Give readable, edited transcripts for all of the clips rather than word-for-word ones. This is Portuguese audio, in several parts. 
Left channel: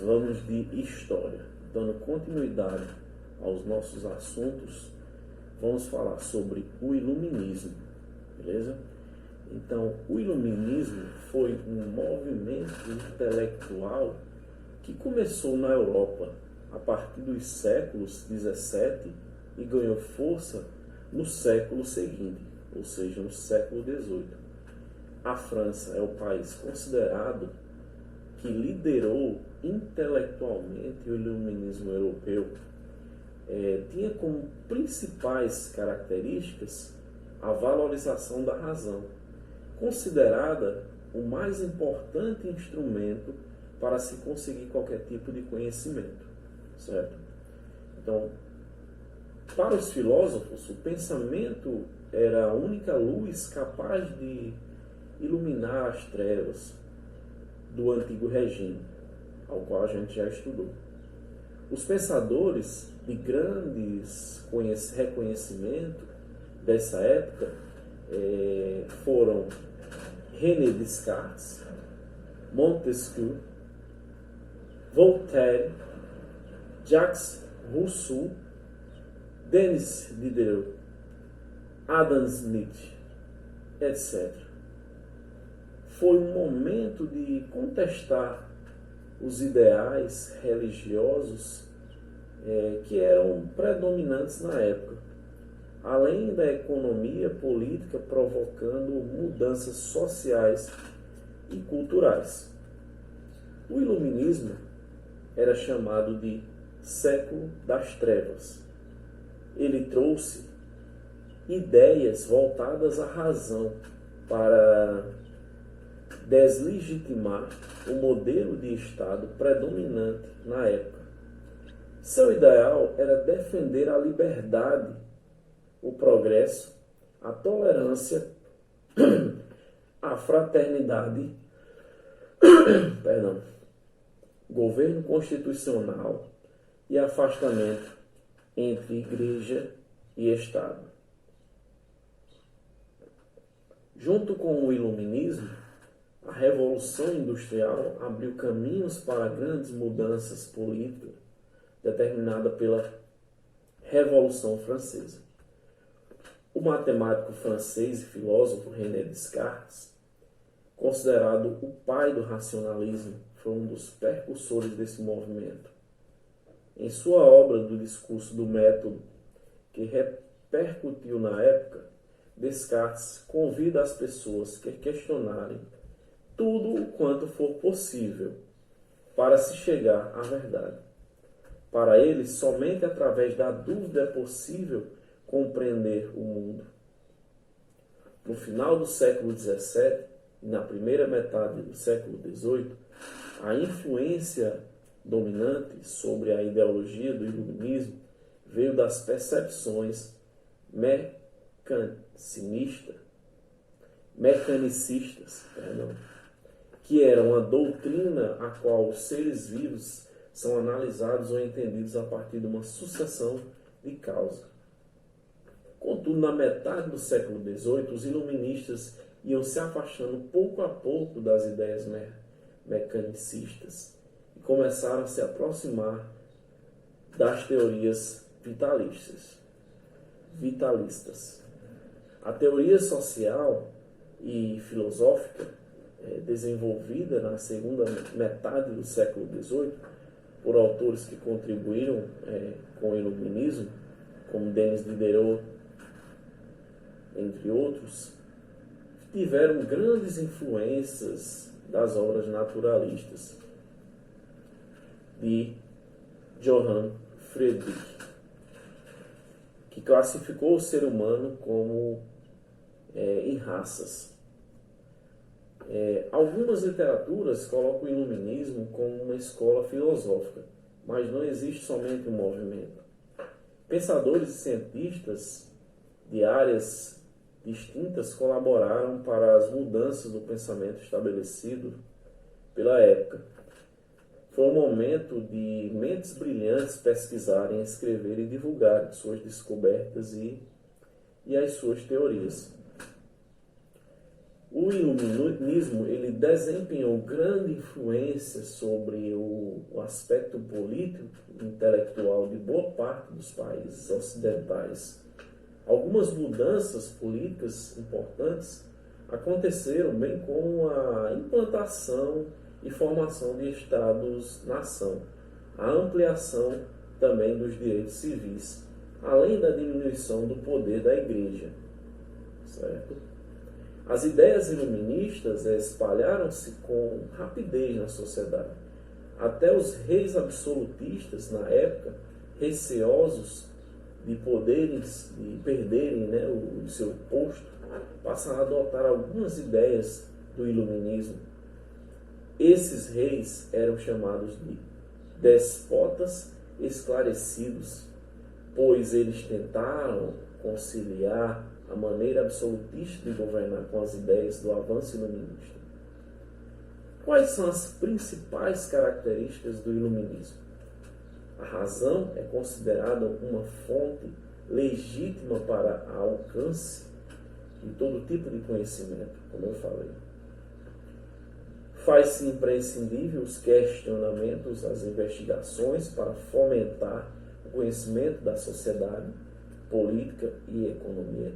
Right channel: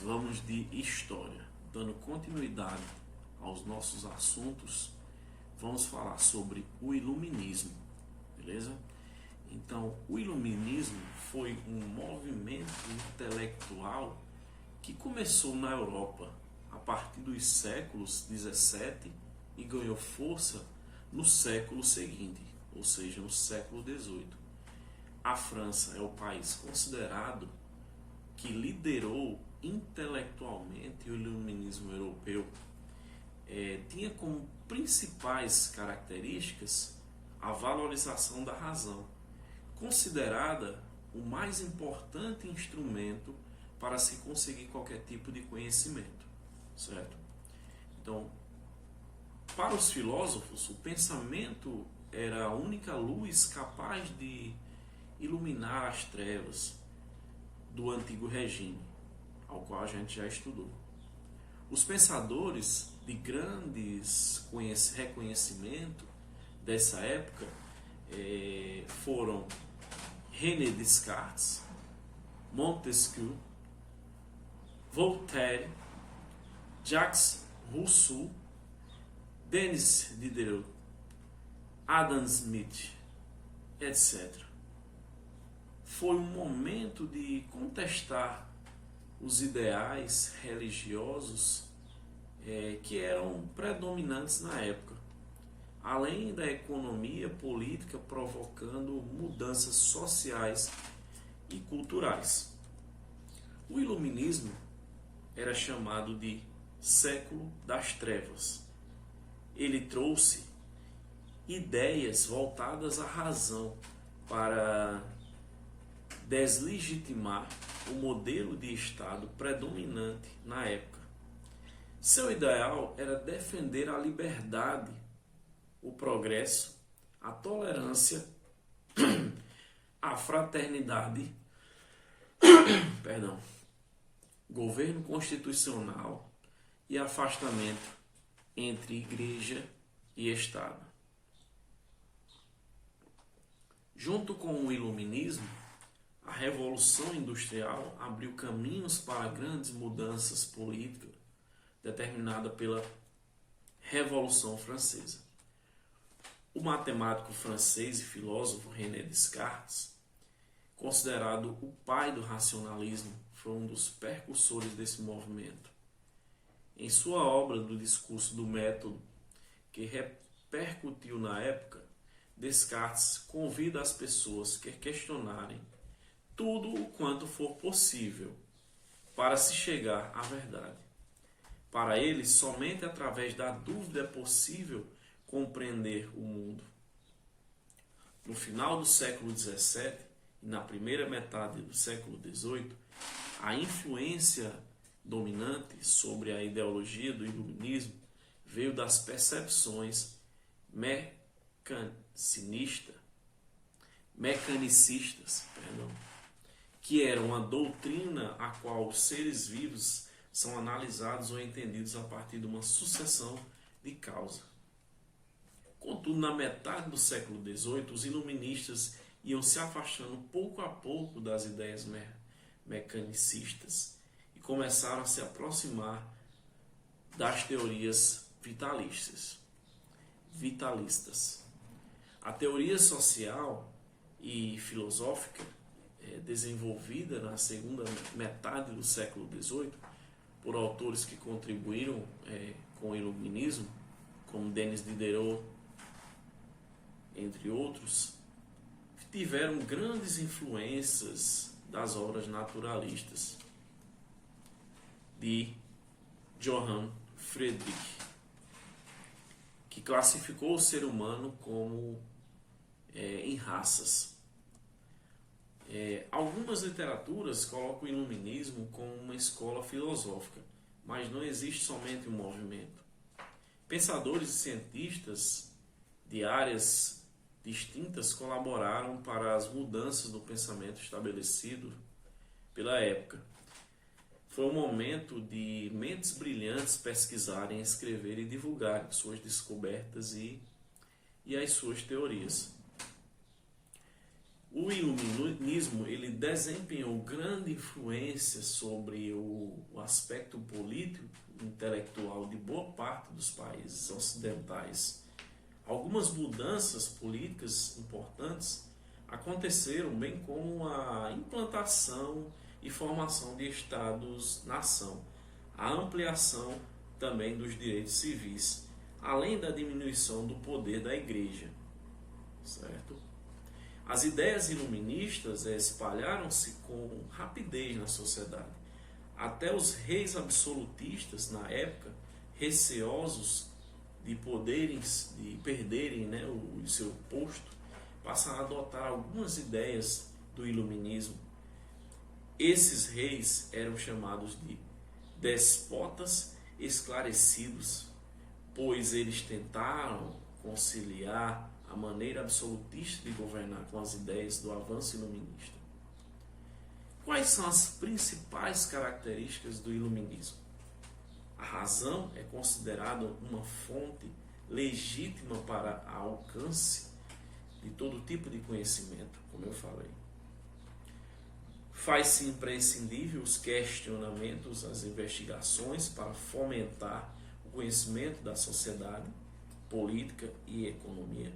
Vamos de história. Dando continuidade aos nossos assuntos, vamos falar sobre o iluminismo, beleza? Então, o iluminismo foi um movimento intelectual que começou na Europa a partir dos séculos 17 e ganhou força no século seguinte, ou seja, no século 18. A França é o país considerado que liderou intelectualmente o iluminismo europeu. Tinha como principais características a valorização da razão, considerada o mais importante instrumento para se conseguir qualquer tipo de conhecimento, certo? Então, para os filósofos, o pensamento era a única luz capaz de iluminar as trevas do antigo regime, ao qual a gente já estudou. Os pensadores de grandes reconhecimento dessa época foram René Descartes, Montesquieu, Voltaire, Jacques Rousseau, Denis Diderot, Adam Smith, etc. Foi um momento de contestar os ideais religiosos que eram predominantes na época, além da economia política provocando mudanças sociais e culturais. O iluminismo era chamado de século das trevas. Ele trouxe ideias voltadas à razão para deslegitimar o modelo de Estado predominante na época. Seu ideal era defender a liberdade, o progresso, a tolerância, a fraternidade, governo constitucional e afastamento entre igreja e Estado. Junto com o iluminismo, a Revolução Industrial abriu caminhos para grandes mudanças políticas determinadas pela Revolução Francesa. O matemático francês e filósofo René Descartes, considerado o pai do racionalismo, foi um dos precursores desse movimento. Em sua obra do Discurso do Método, que repercutiu na época, Descartes convida as pessoas a questionarem tudo o quanto for possível para se chegar à verdade. Para ele, somente através da dúvida é possível compreender o mundo. No final do século XVII e na primeira metade do século XVIII, a influência dominante sobre a ideologia do iluminismo veio das percepções mecanicistas, que eram a doutrina a qual os seres vivos são analisados ou entendidos a partir de uma sucessão de causa. Contudo, na metade do século XVIII, os iluministas iam se afastando pouco a pouco das ideias mecanicistas e começaram a se aproximar das teorias vitalistas. A teoria social e filosófica desenvolvida na segunda metade do século XVIII por autores que contribuíram com o iluminismo, como Denis Diderot, entre outros, tiveram grandes influências das obras naturalistas de Johann Friedrich, que classificou o ser humano como em raças. Algumas literaturas colocam o iluminismo como uma escola filosófica, mas não existe somente um movimento. Pensadores e cientistas de áreas distintas colaboraram para as mudanças do pensamento estabelecido pela época. Foi um momento de mentes brilhantes pesquisarem, escreverem e divulgarem suas descobertas e as suas teorias. O iluminismo ele desempenhou grande influência sobre o aspecto político e intelectual de boa parte dos países ocidentais. Algumas mudanças políticas importantes aconteceram, bem como a implantação e formação de estados-nação, a ampliação também dos direitos civis, além da diminuição do poder da igreja, certo? As ideias iluministas espalharam-se com rapidez na sociedade. Até os reis absolutistas, na época, receosos de perderem, né, o seu posto, passaram a adotar algumas ideias do iluminismo. Esses reis eram chamados de despotas esclarecidos, pois eles tentaram conciliar a maneira absolutista de governar com as ideias do avanço iluminista. Quais são as principais características do iluminismo? A razão é considerada uma fonte legítima para alcance de todo tipo de conhecimento, como eu falei. Faz-se imprescindível os questionamentos, as investigações para fomentar o conhecimento da sociedade, política e economia.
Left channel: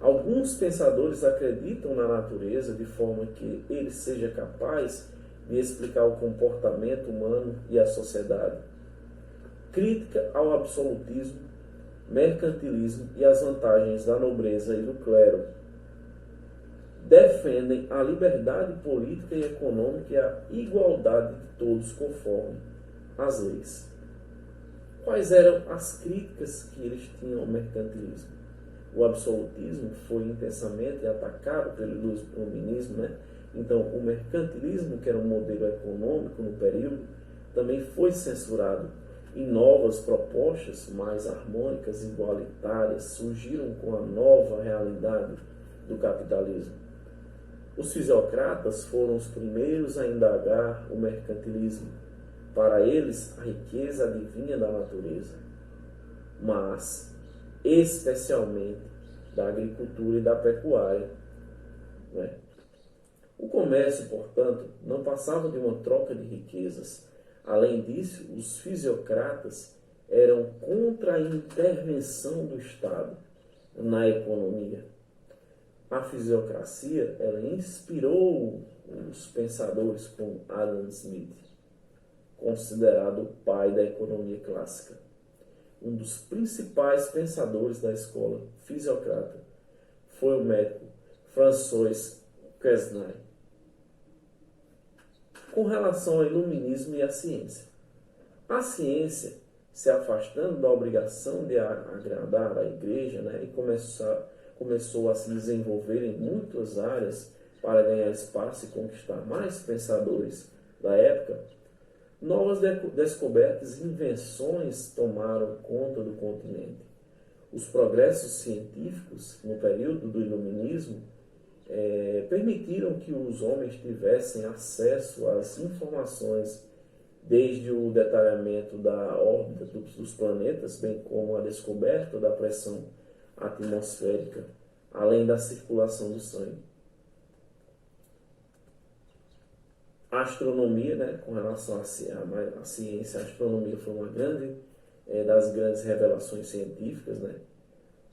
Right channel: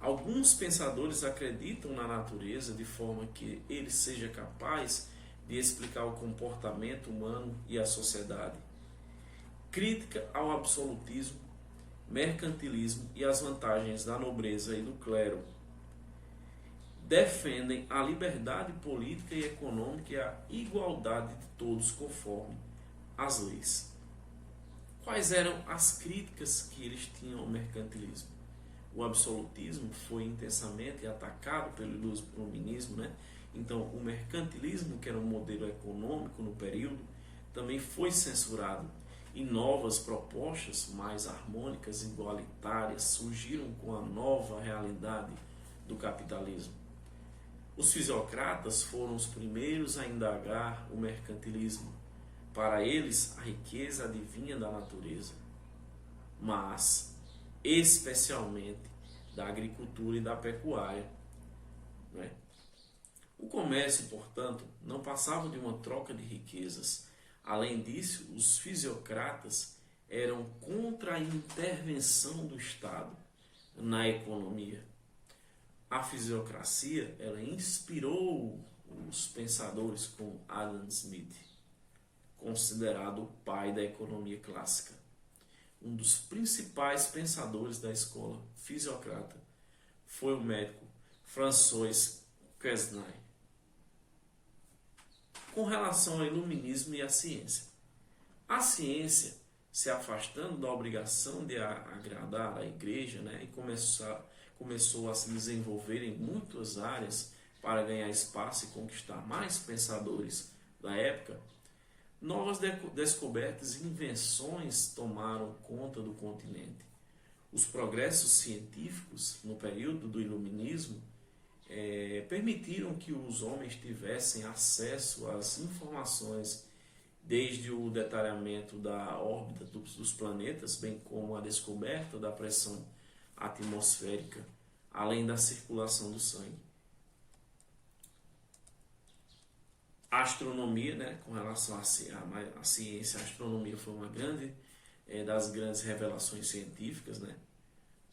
Alguns pensadores acreditam na natureza de forma que ele seja capaz de explicar o comportamento humano e a sociedade. Crítica ao absolutismo, mercantilismo e as vantagens da nobreza e do clero. Defendem a liberdade política e econômica e a igualdade de todos conforme as leis. Quais eram as críticas que eles tinham ao mercantilismo? O absolutismo foi intensamente atacado pelo iluminismo, né? Então, o mercantilismo, que era um modelo econômico no período, também foi censurado. E novas propostas mais harmônicas e igualitárias surgiram com a nova realidade do capitalismo. Os fisiocratas foram os primeiros a indagar o mercantilismo. Para eles, a riqueza advinha da natureza, mas especialmente da agricultura e da pecuária, né? O comércio, portanto, não passava de uma troca de riquezas. Além disso, os fisiocratas eram contra a intervenção do Estado na economia. A fisiocracia, ela inspirou os pensadores como Adam Smith, considerado o pai da economia clássica. Um dos principais pensadores da escola fisiocrata foi o médico François Quesnay. Com relação ao iluminismo e à ciência. A ciência, se afastando da obrigação de agradar a igreja, né, e começou a se desenvolver em muitas áreas para ganhar espaço e conquistar mais pensadores da época, novas descobertas e invenções tomaram conta do continente. Os progressos científicos no período do iluminismo permitiram que os homens tivessem acesso às informações desde o detalhamento da órbita dos planetas, bem como a descoberta da pressão atmosférica, além da circulação do sangue. A astronomia, né, com relação à ciência, a astronomia foi uma das grandes revelações científicas, né?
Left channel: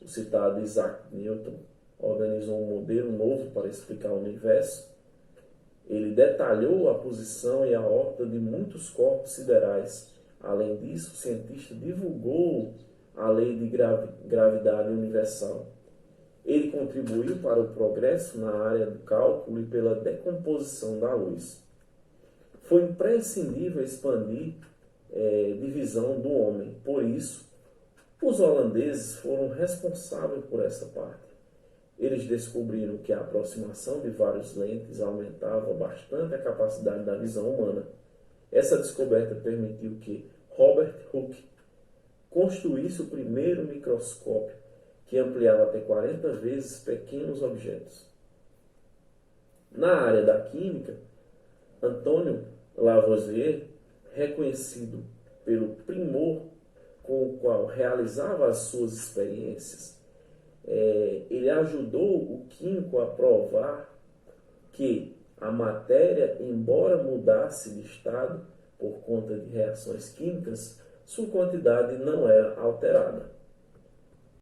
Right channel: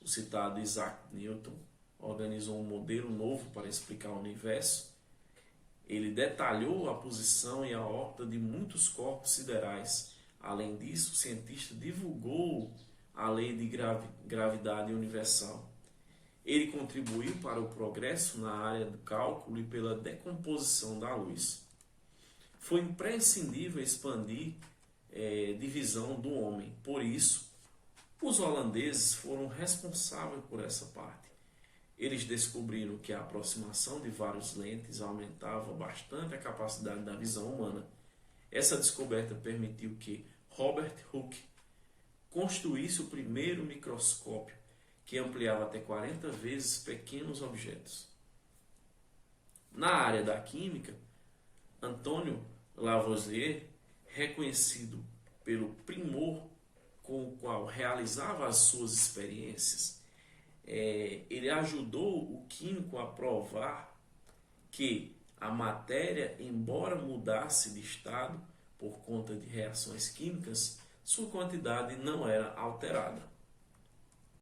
O citado Isaac Newton organizou um modelo novo para explicar o universo. Ele detalhou a posição e a órbita de muitos corpos siderais. Além disso, o cientista divulgou a lei de gravidade universal. Ele contribuiu para o progresso na área do cálculo e pela decomposição da luz. Foi imprescindível expandir divisão do homem. Por isso, os holandeses foram responsáveis por essa parte. Eles descobriram que a aproximação de várias lentes aumentava bastante a capacidade da visão humana. Essa descoberta permitiu que Robert Hooke construísse o primeiro microscópio que ampliava até 40 vezes pequenos objetos. Na área da química, Antônio Lavoisier, reconhecido pelo primor com o qual realizava as suas experiências, ele ajudou o químico a provar que a matéria, embora mudasse de estado por conta de reações químicas, sua quantidade não era alterada.